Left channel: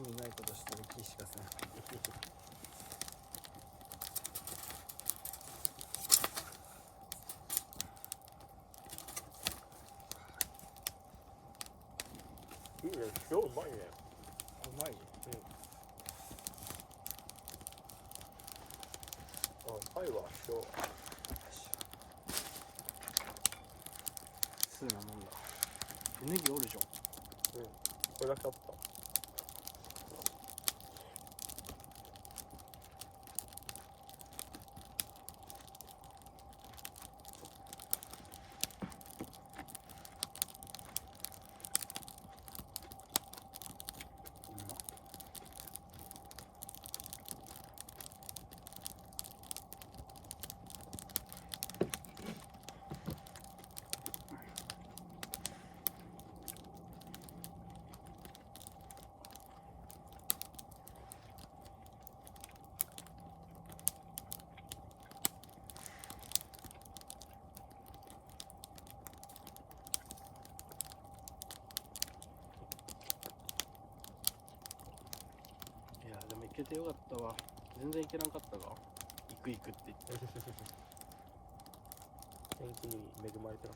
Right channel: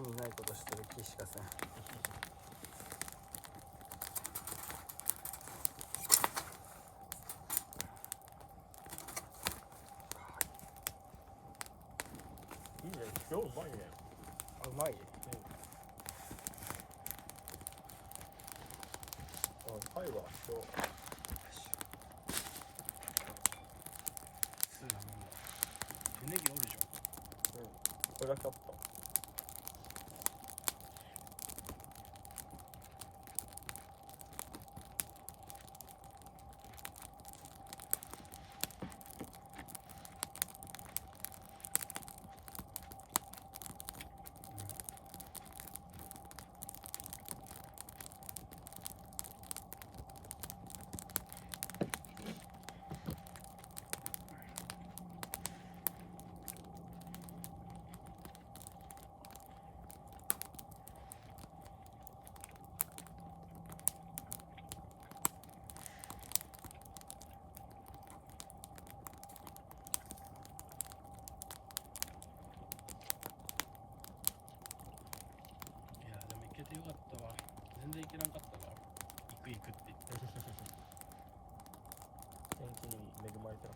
意味ないことしてる気しかせん。いいね、今日うまいね。あ、うまい。あ、タイはそう。そうなもんだ。ネギおるじゃん。これだけか。いやでも行けてよかったわ。全然行けなかったが、行くって言って。天気に恵まれてる。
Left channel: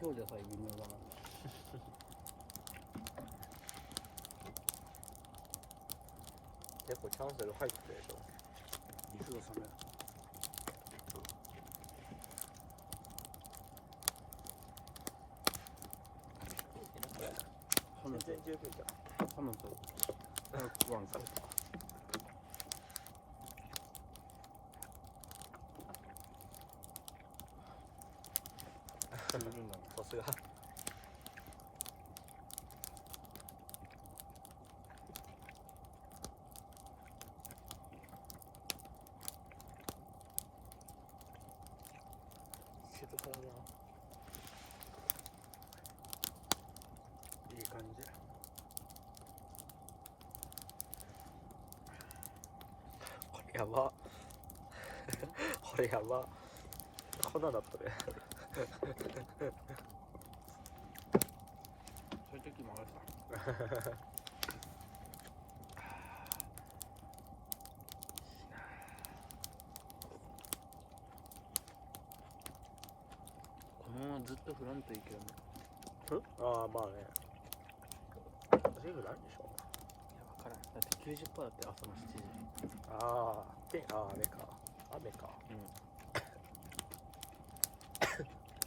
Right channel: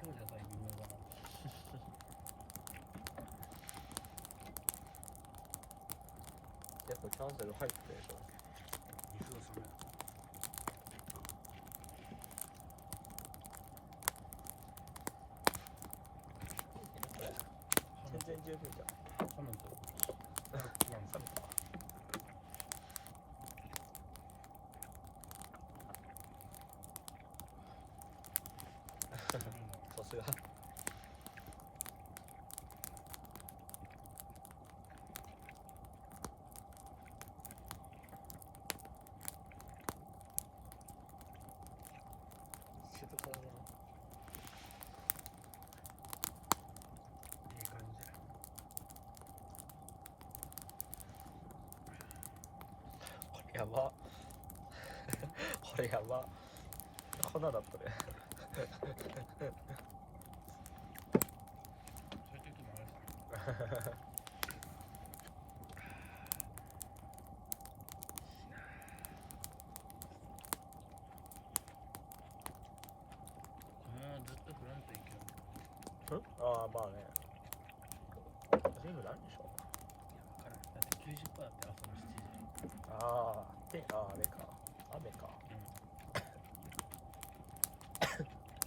今日でさえ微妙なのに。やっぱキャンベル入ってる。水が冷める。全然十分だ。そんなんと食わんか。さすが。いい感じ。やば。これやば。粉だこれ。そういう時もあるさ。このままずっと振らんといいけどね。ああ、まあね。そういうのなんでしょいや分からん。だって 90% だって朝の7時。ああ、雨か。雨か。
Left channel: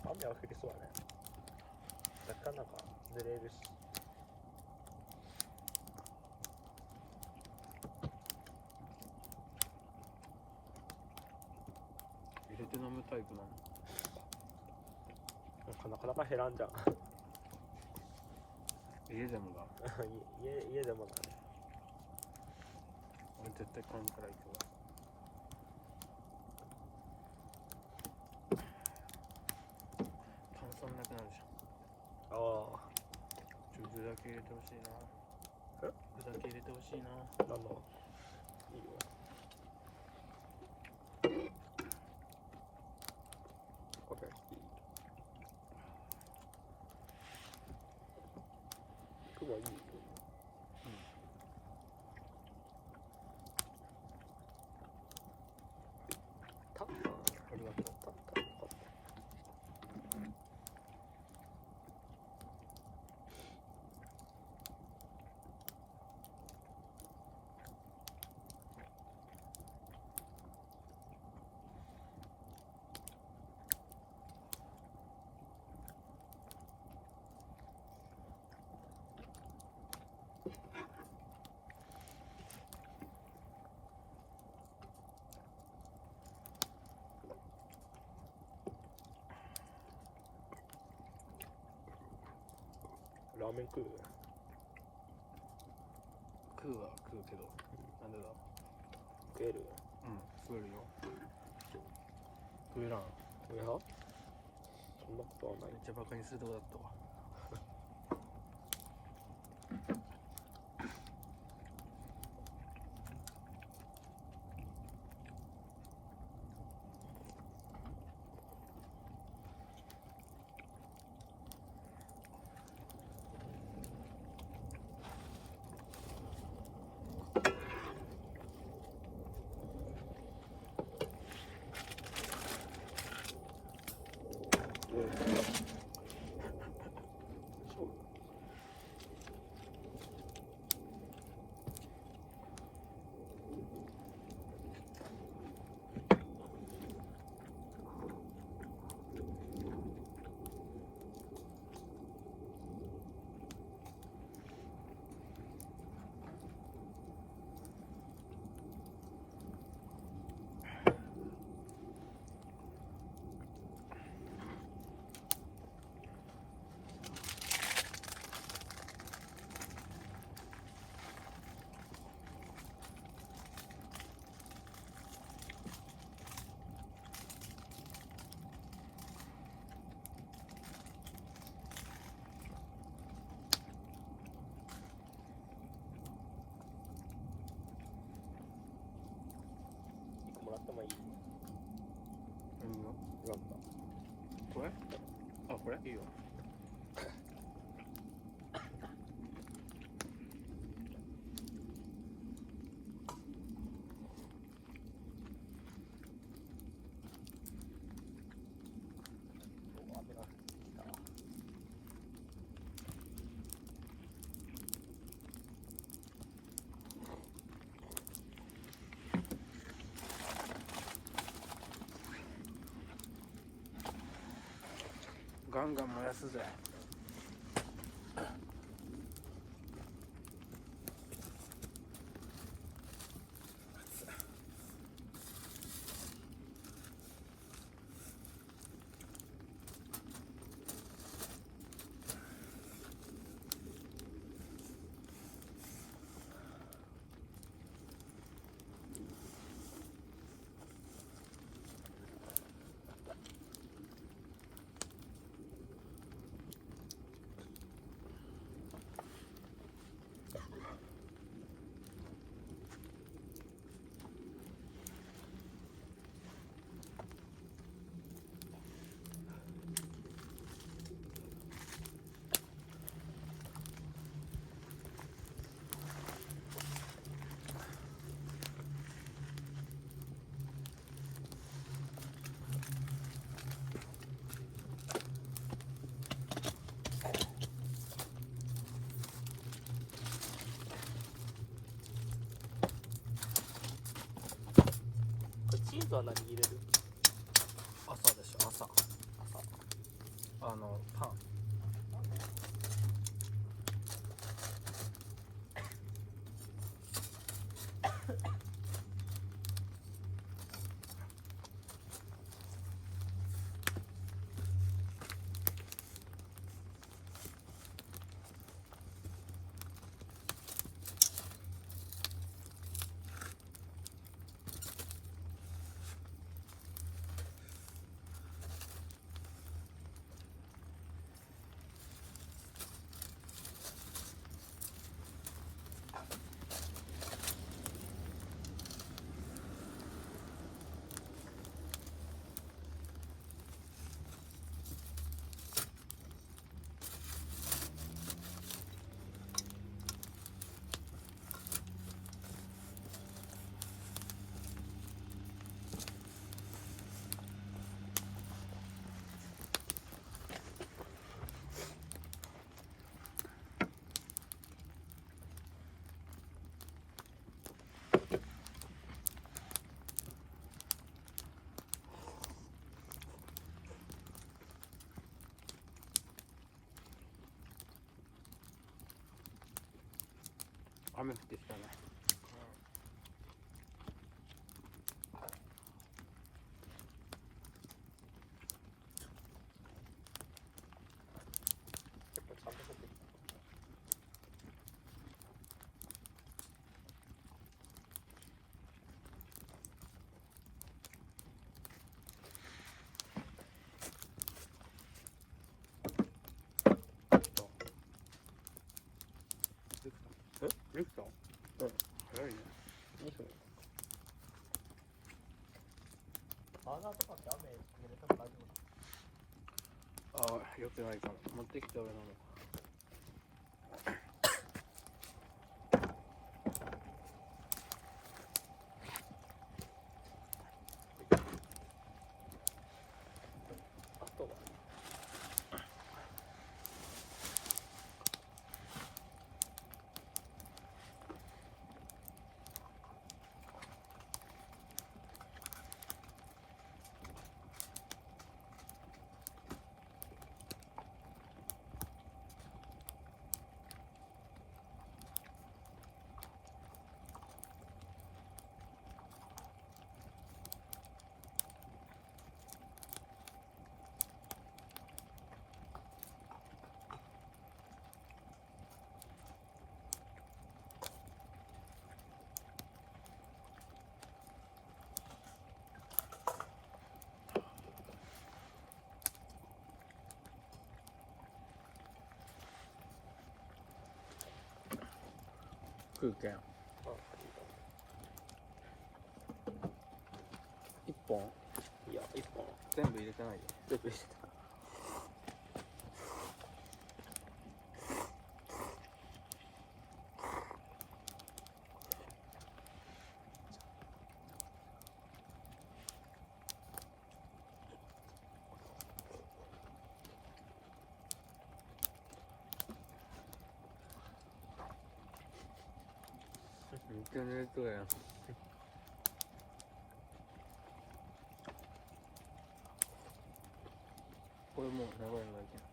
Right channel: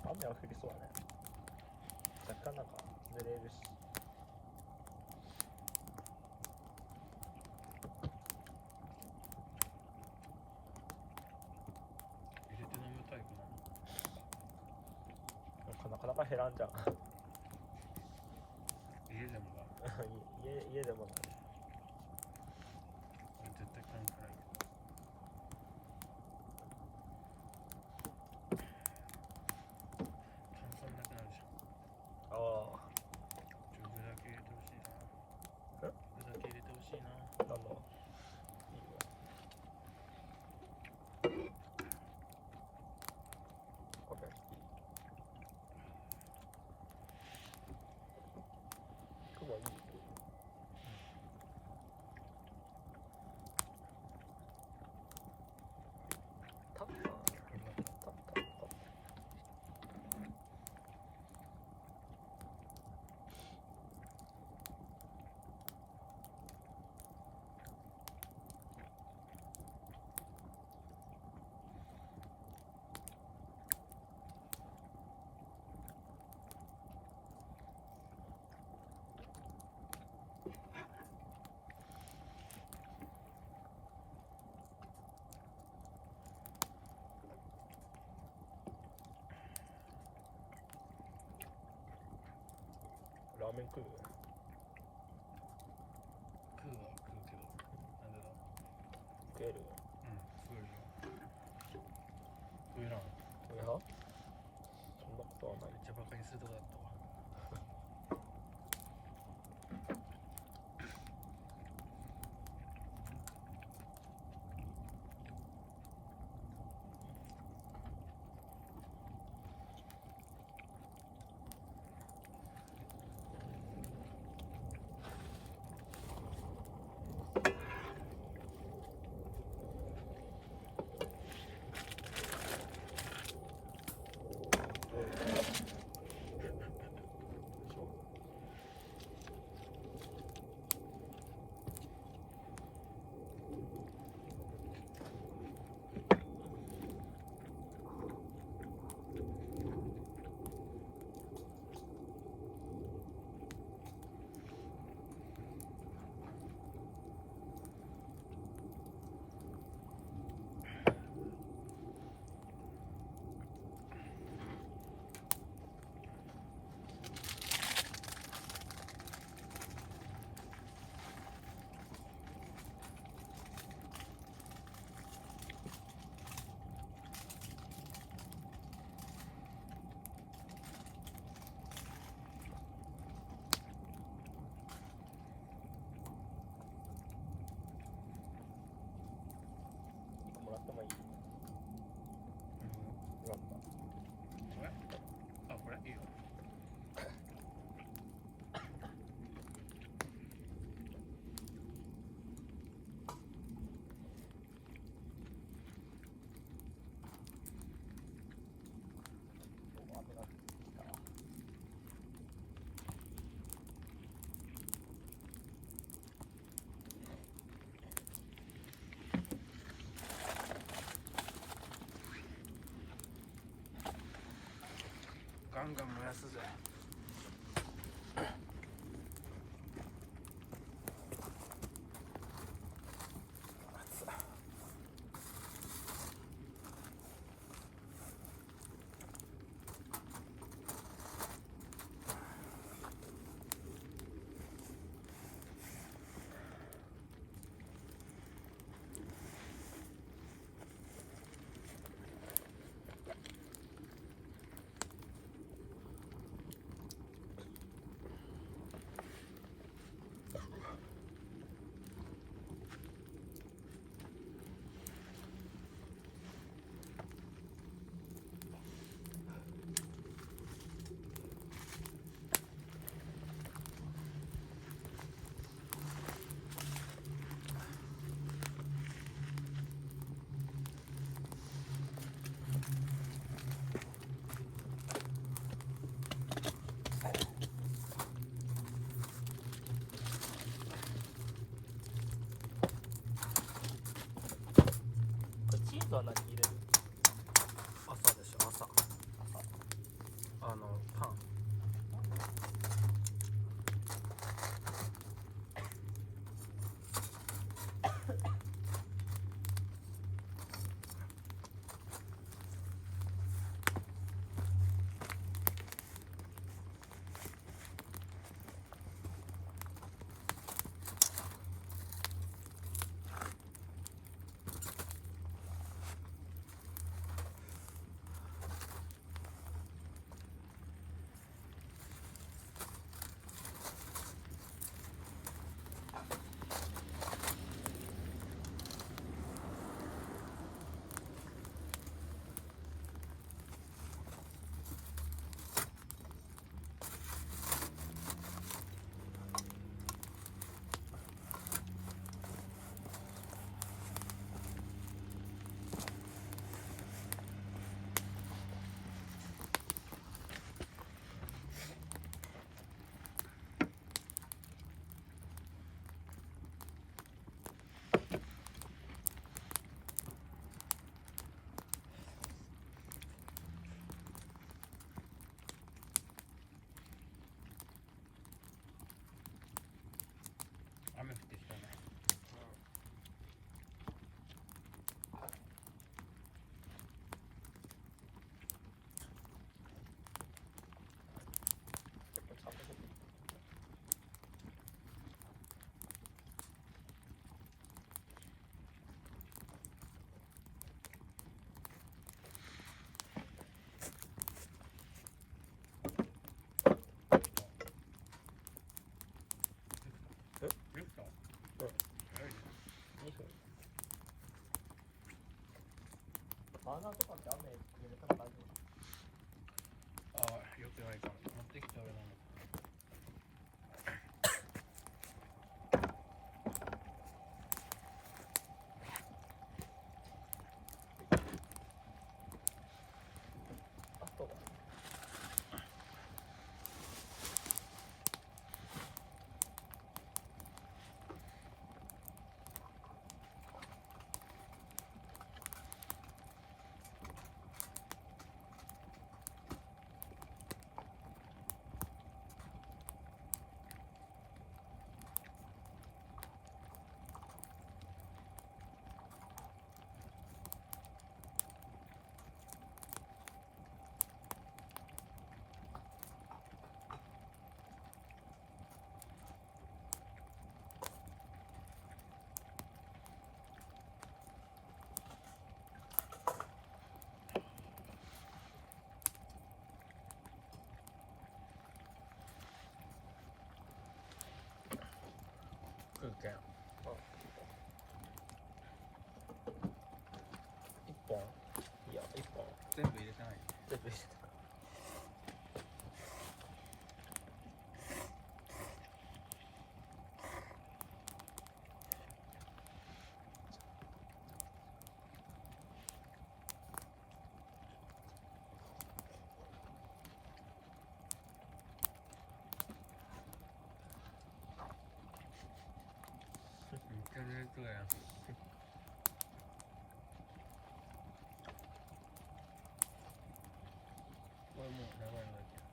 雨は降りそうね。絶対なんかずれるし。入れて飲むタイプなの。なかなか減らんじゃん。家でもが。家でもだね。俺絶対買うからいいけど。炭酸なくなるじゃん。ああ。具だけ入れてほしいな。具だけ入れてほしいな。いいよ。これ。今日はいいよ。ありがとう。ラーメン食う？食うは食うけど、なんでだ。食えるよ。食えるよ。食えな。いや、そんなことはない。めっちゃバカにするとこだったわ。ンガン燃やすぜ。チーズは何入れる？朝でしょ、朝。パン。雨降ってきたね。できた？うん。早いね。2分。ああ、よくないかも。持ってきて俺の。あとは食うけん。1本？いや、1本。全部入れてないよ。全部した。めっちゃ寝とうやん。これもう長いのだけ。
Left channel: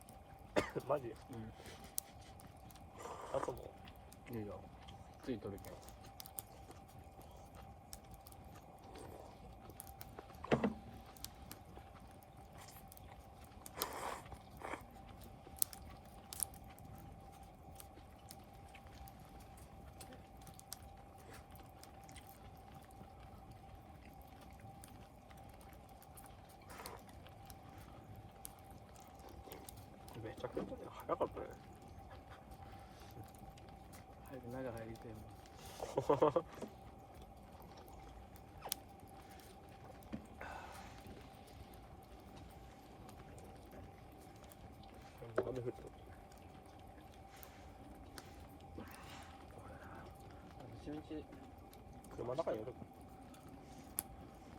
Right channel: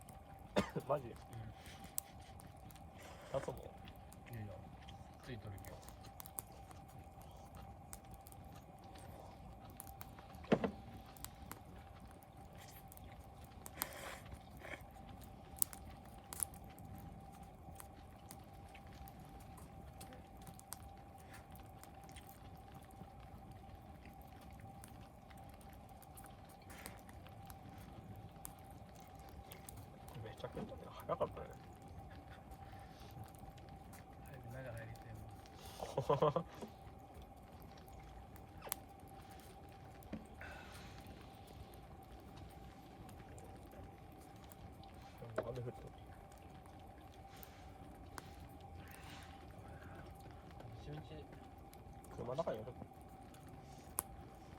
ついとるけん。めちゃくちゃ早かったね。中入りても。一日。車の中にいる。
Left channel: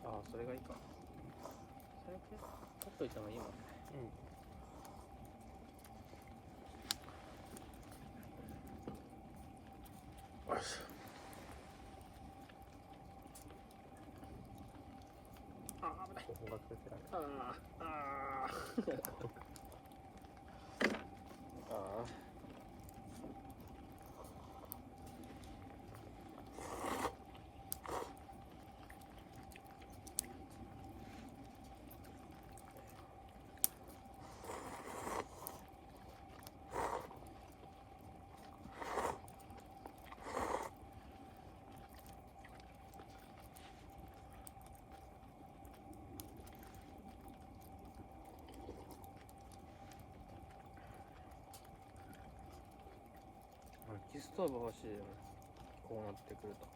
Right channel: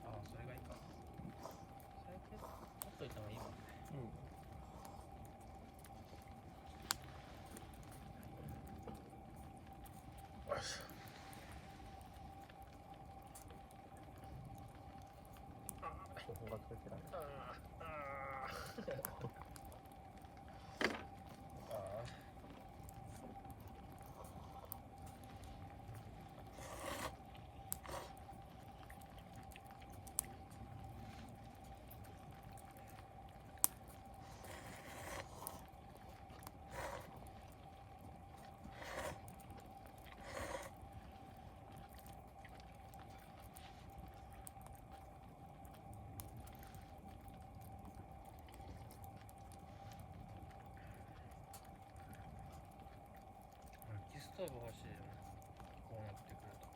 ああ、それがいいか。最近取っといてもいいもんね。よし。薪ストーブ欲しいよね。こうなってくると。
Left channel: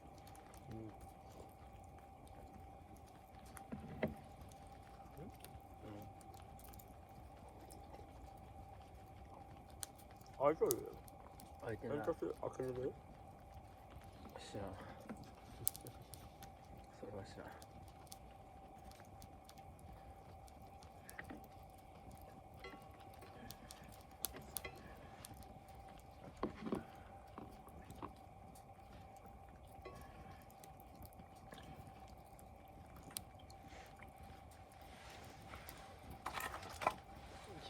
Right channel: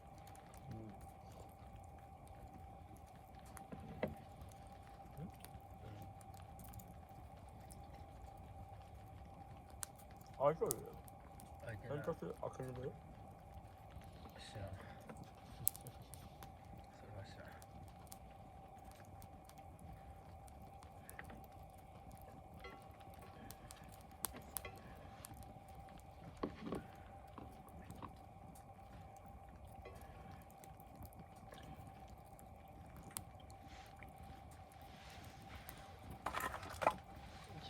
開いてる？開いてない。開ける？知らん。それは知らん。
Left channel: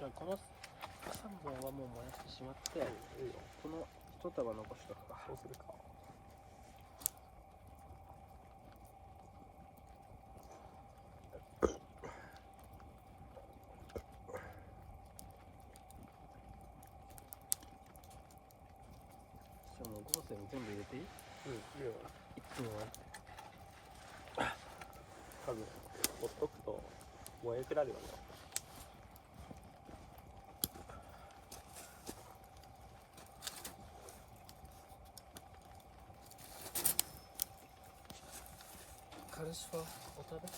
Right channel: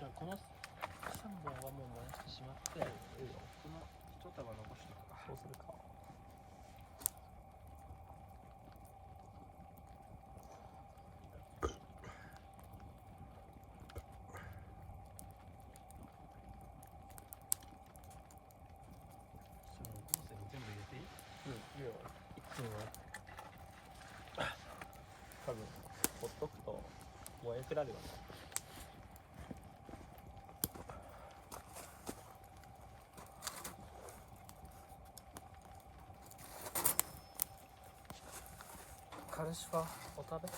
この3本はもう回してしまってある。この一束残しとくか。そうするか。じゃあもうゴーセに全部入れていい？いいよ。いつもね。多分、ほっとくと燃えてられる。カルシファお食べ？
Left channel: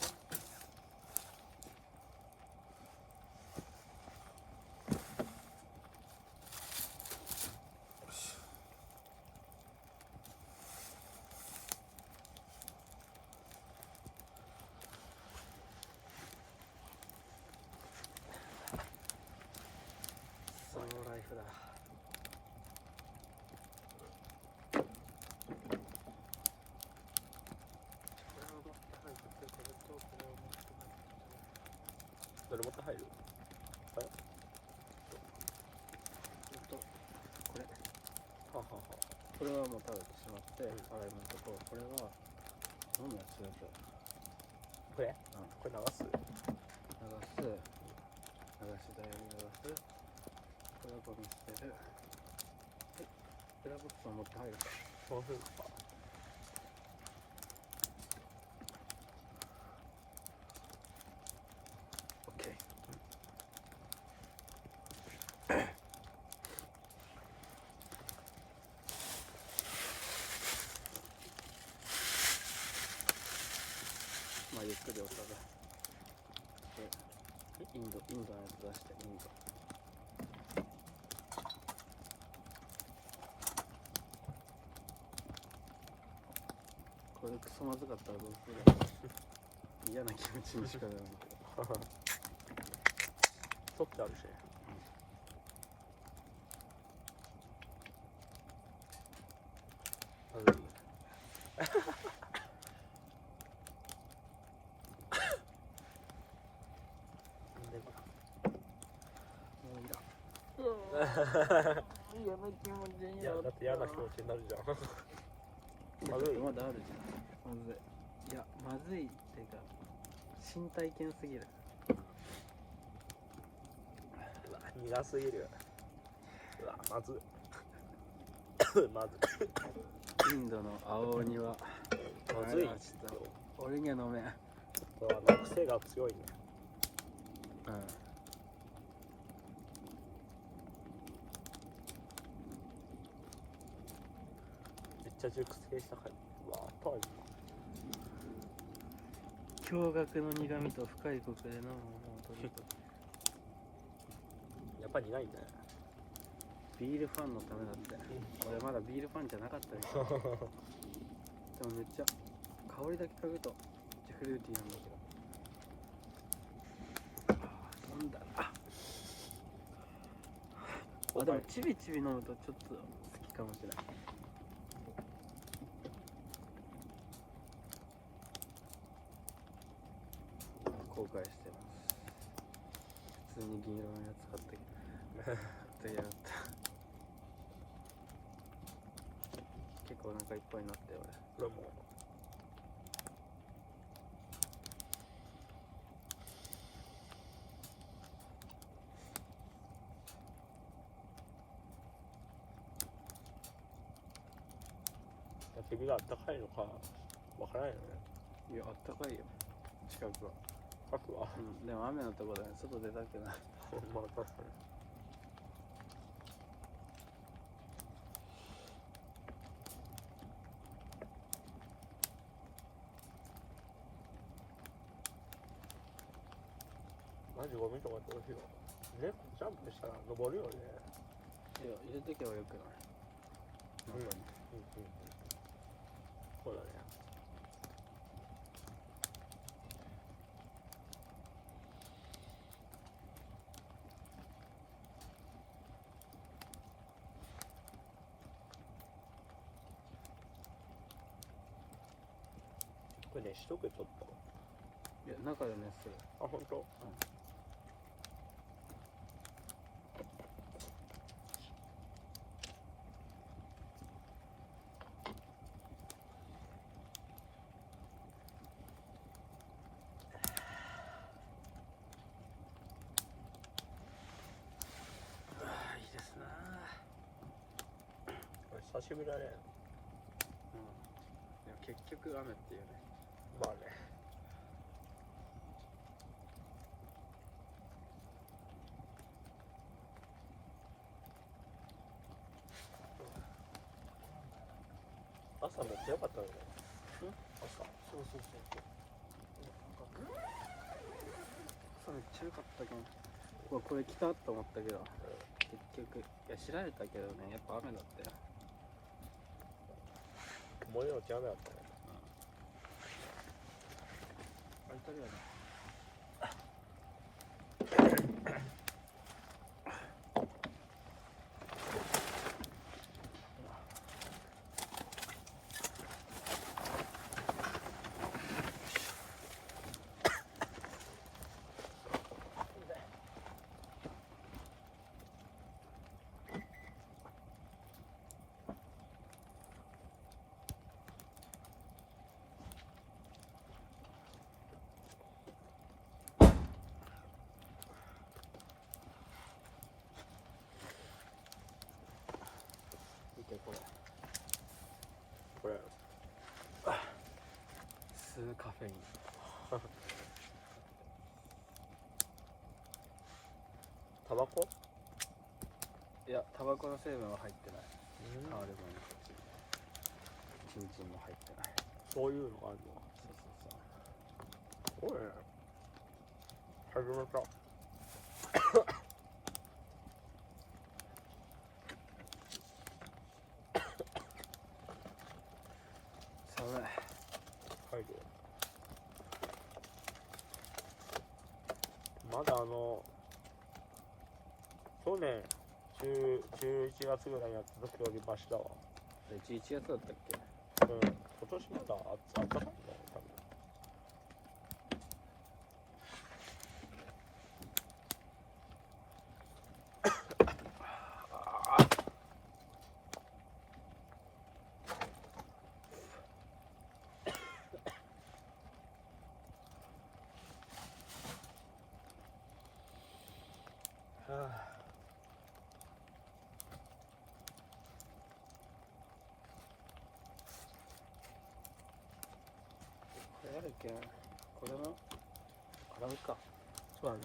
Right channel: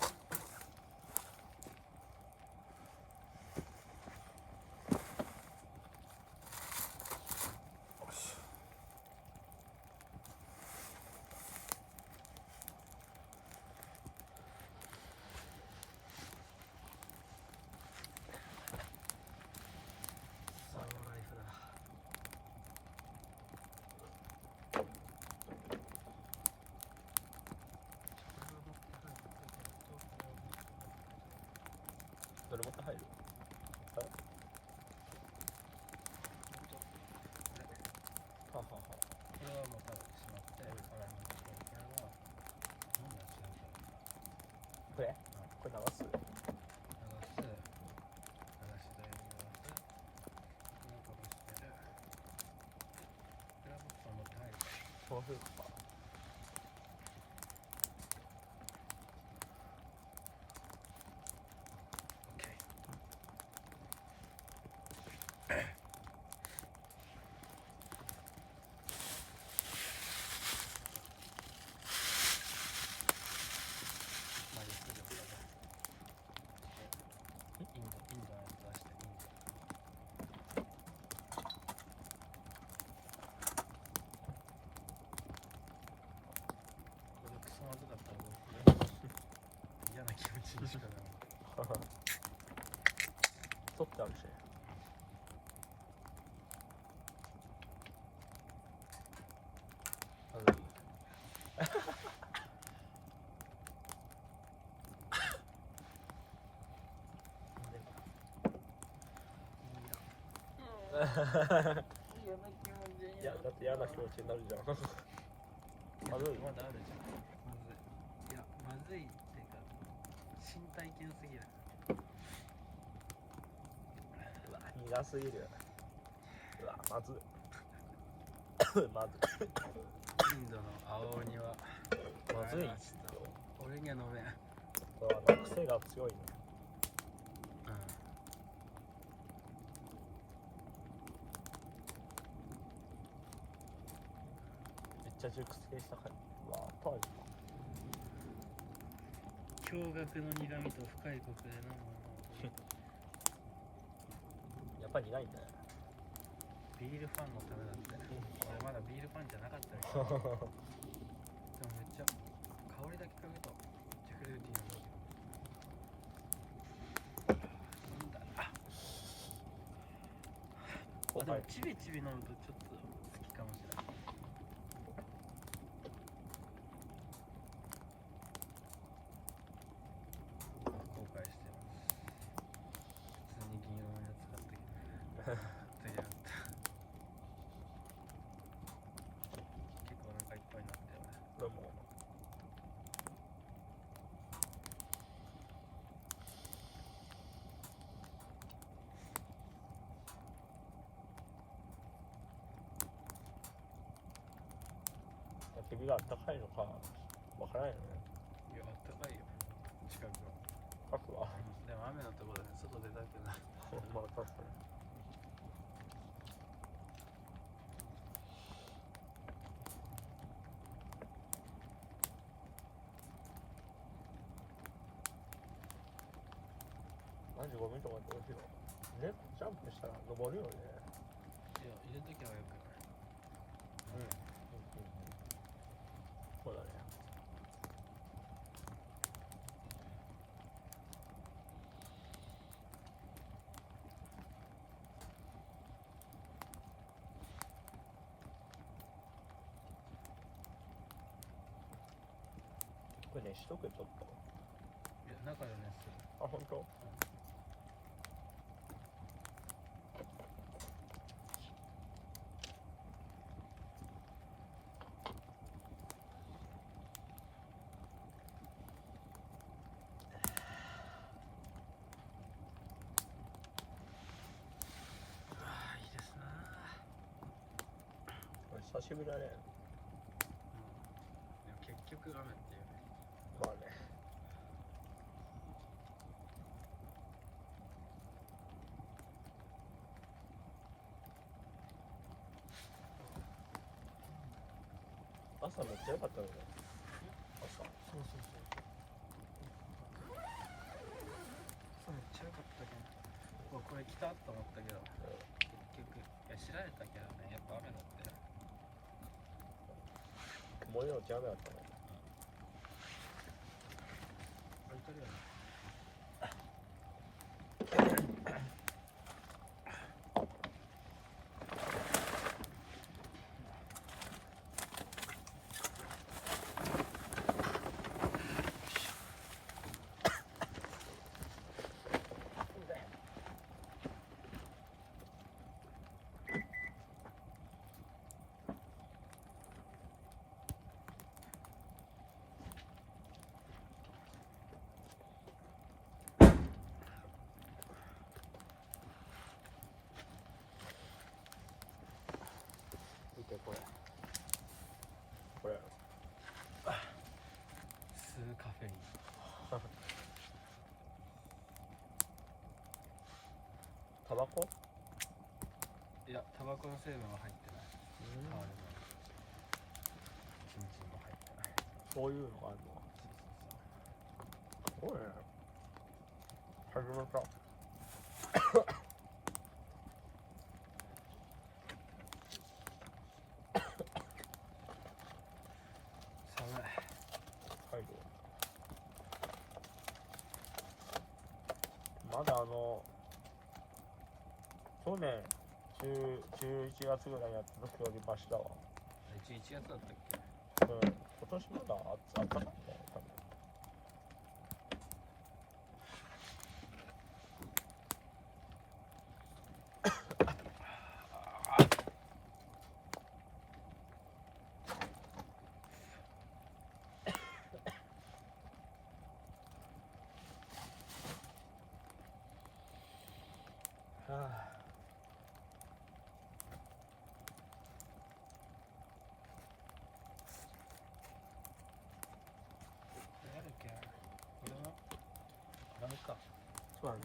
スローライフだ。どれだけ入る？これはもう食べてしまって、あれもとこう、これは飲むやつですよ。これ？これ流す？流し台に流す。これをゴミ捨てる。ペラボックスを持って入るか。オッケー。まあゆっくりお茶だ。インドのやつ出してインド。これクソまずかったらどうするの？嫌な気持ちにしかならないけど。取ってあるし。嫌な気持ちになっだって嫌な気持ちになるじゃん。やだってまだあるじゃん。まずい。いや、まずいっていうか、新体験すぎる。苦すぎるよ。まずまずインドの青鬼は、まずい。ちょっと、俺には飲めん。癖が強い。めっちゃ熟成したから。当時。驚愕の苦味と深いコクで飲むものを取り。やっぱり苦いんだよ。ビールファンのためだって。俺まだビールファンじゃなかったみたい。でもめっちゃ香りだけ嗅ぐとめっちゃフルーティーなんだけど。飲んだな。あ、でもチビチビ飲むとちょっと好きかもしれない。後悔してます。普通に銀色のやつ買ってやがった。結構お腹いっぱいになって俺。どうも。敵があったかいのかわからないよね。いや、あったかいよ近くは。深くは。でも雨のとこだね。外出たくない。まあ確かに。マジごめんとか言ってほしいわ。ね、ジャンプしたら登るよね。いや、入れとけばよくない。そうだね。これね、しとけちょっと。いや、中で熱する。あ、本当？いいですな。久しぶりだね。でも結局雨っていうね。まあね。朝も強かったね。そうそうそう。めっちゃ良かったけど。うわ、これ来たと思ったけど、結局、いや、知られたけどね、やっぱ雨だったよ。森の違うね。あれ、とりあえず。見てこれ。これ。スーカフェイン。タバコ？いや、タバコの成分は入ってない。変わるもの。チンチンに入ってない。そういうのがあるの？そうそうそう。すごいね。始めた。寒い。まだ去年11月ぐらいやった時よりましたわ。11月だったっけ？今年なんか暑かったね。けこれは洗うか。そうだね。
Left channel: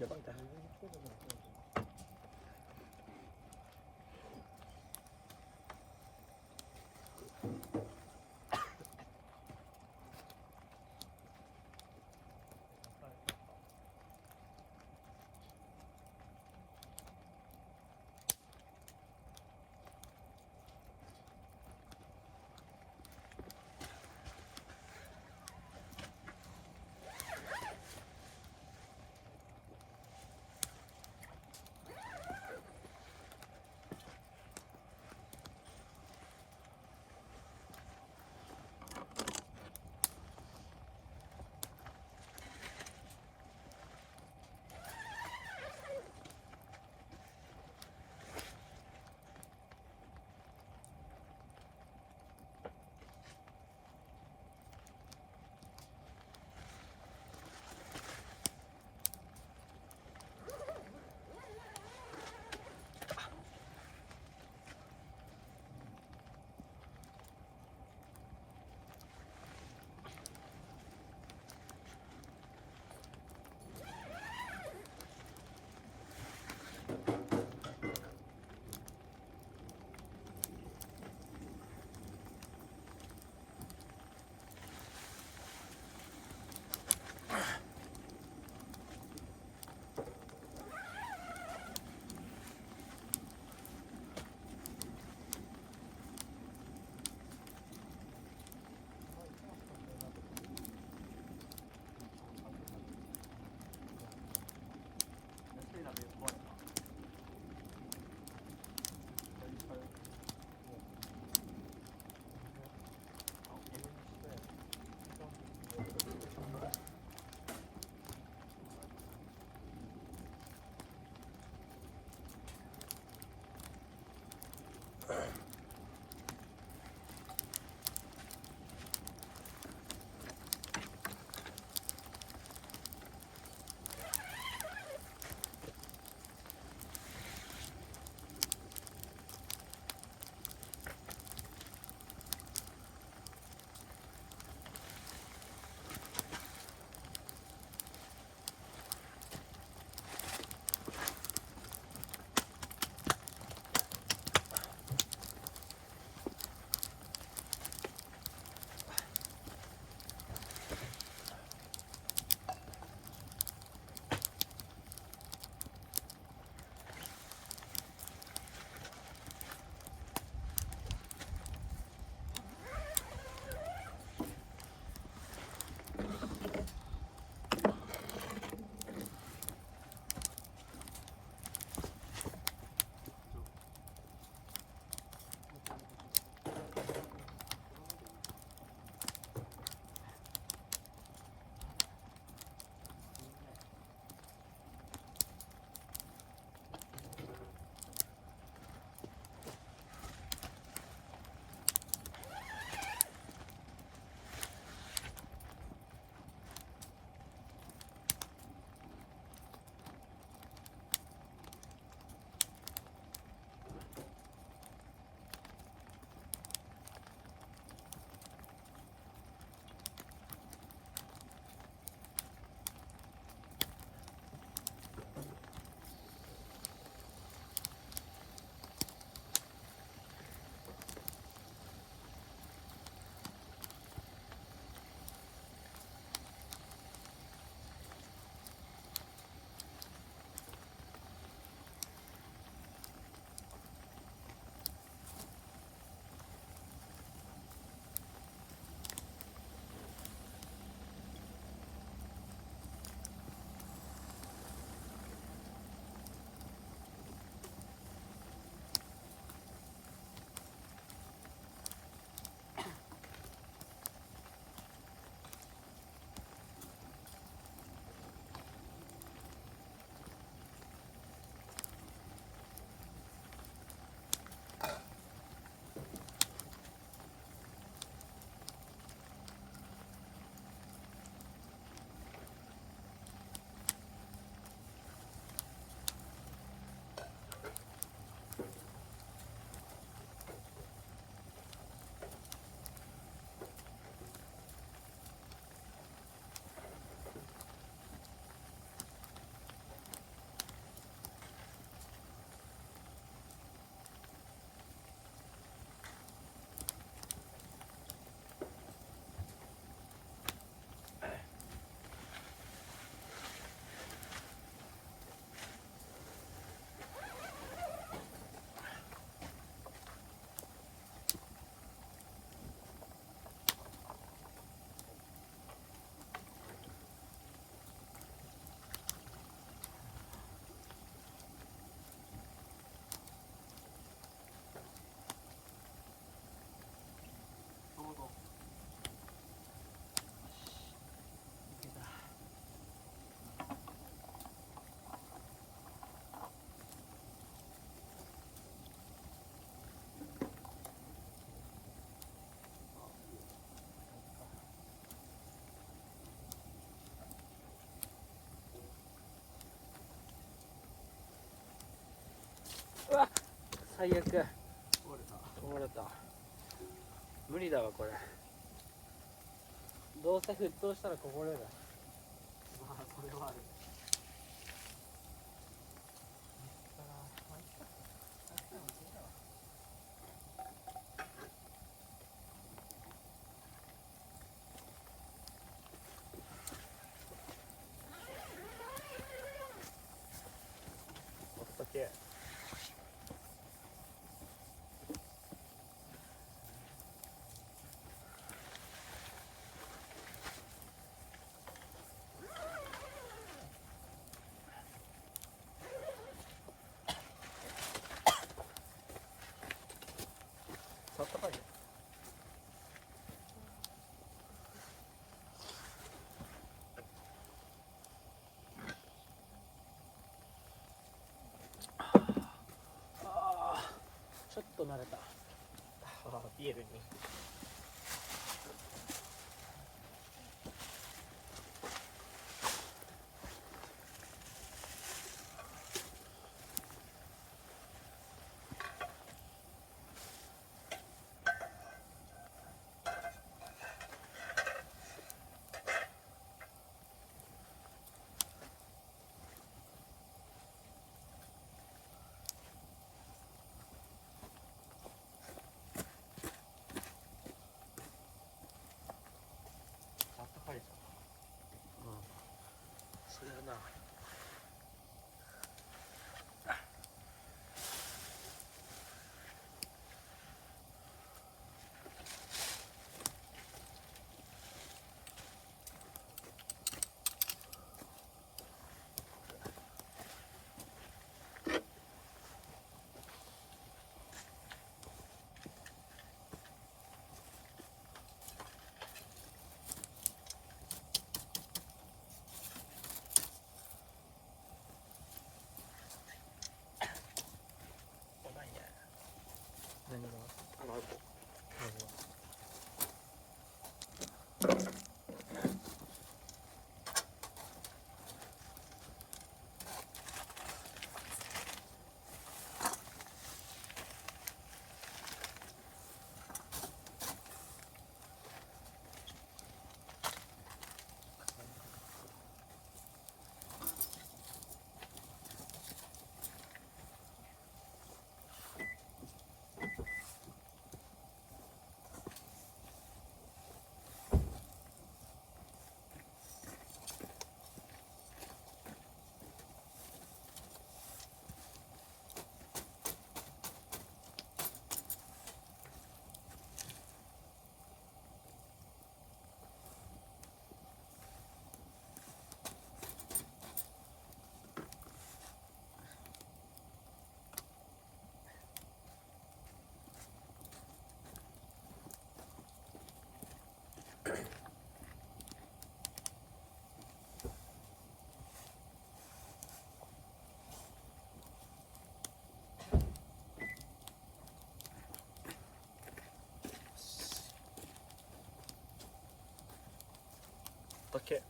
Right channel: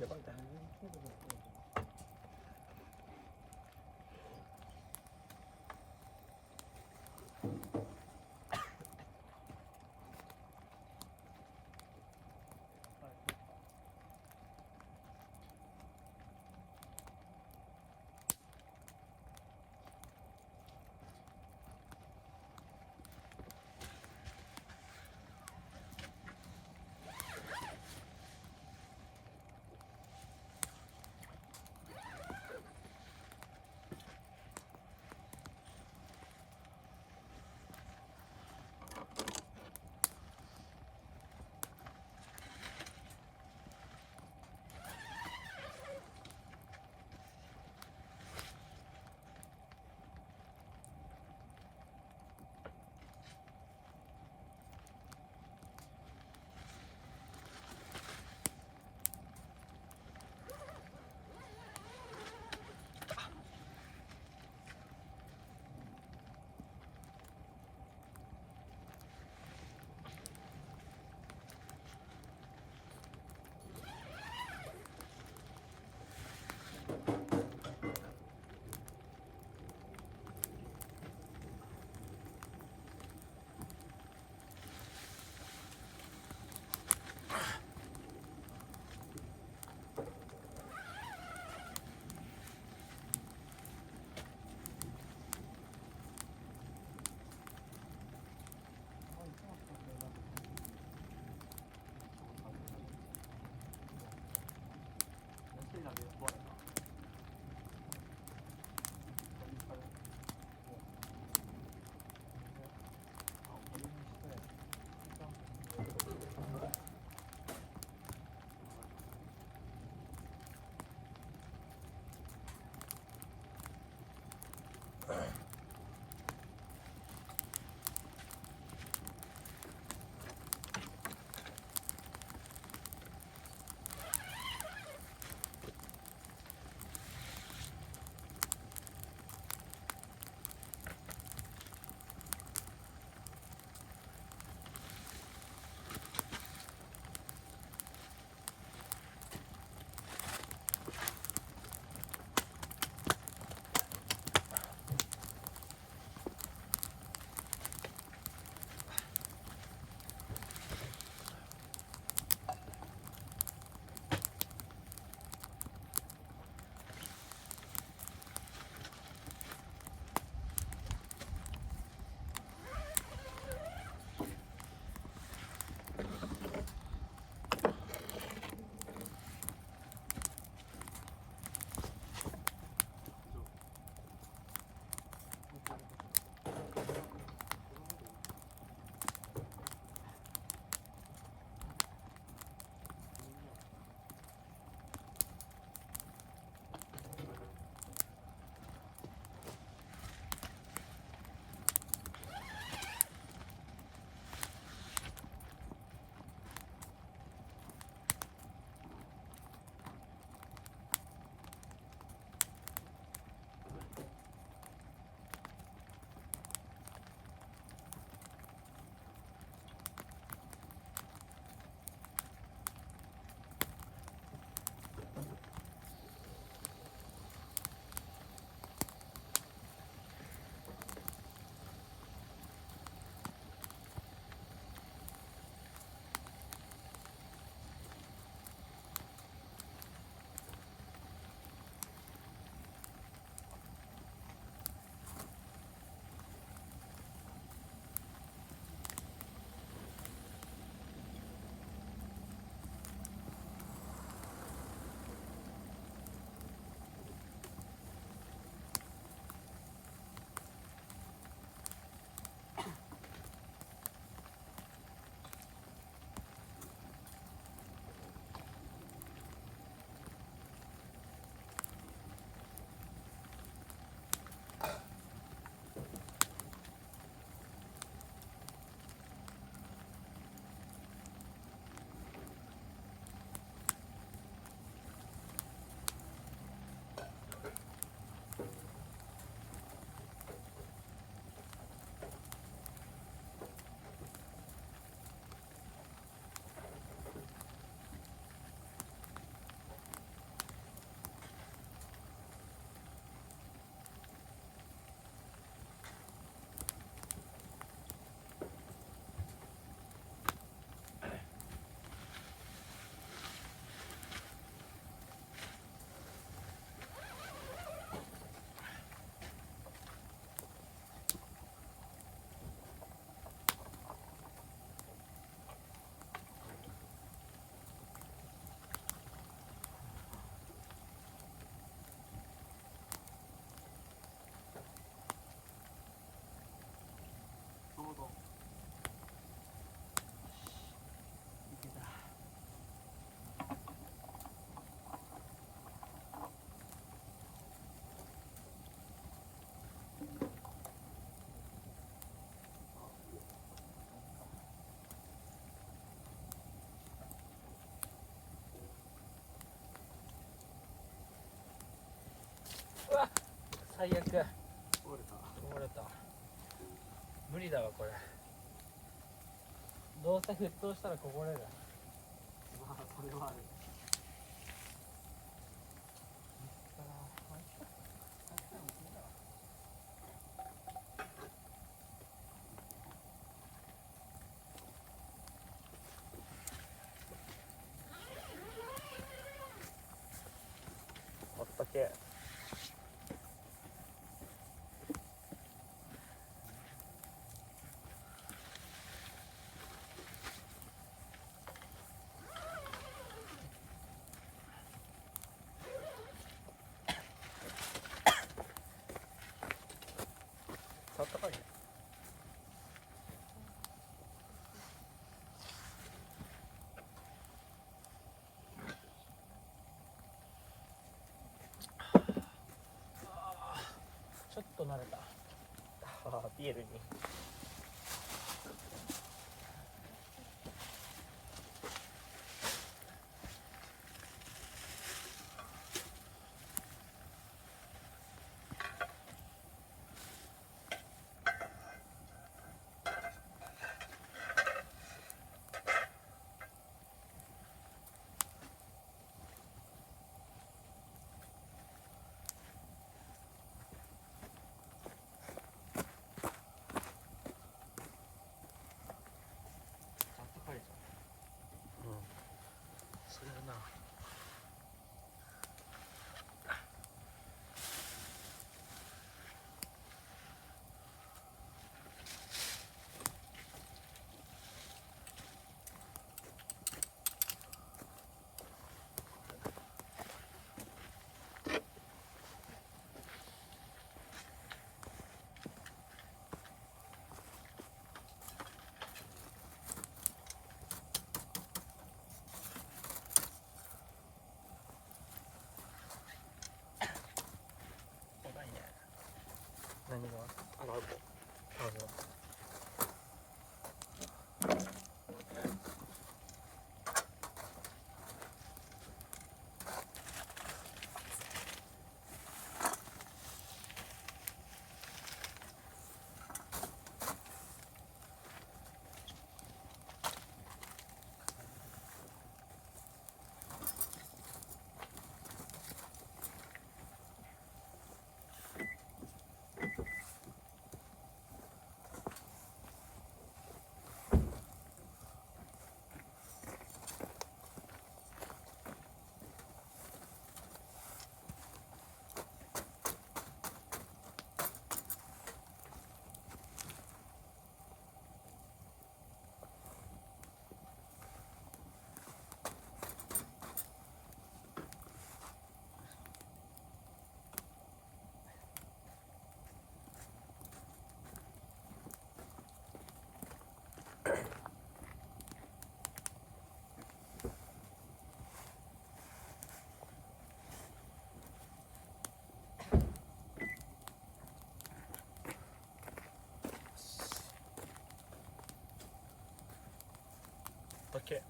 やばい、だいぶそうだね。沸騰したらここでだ。あったけえ。あったかいね。ちょっと慣れた。ああ、ビールに。あったかいじそれはな。何が？ゃん。あ、あの。だけ。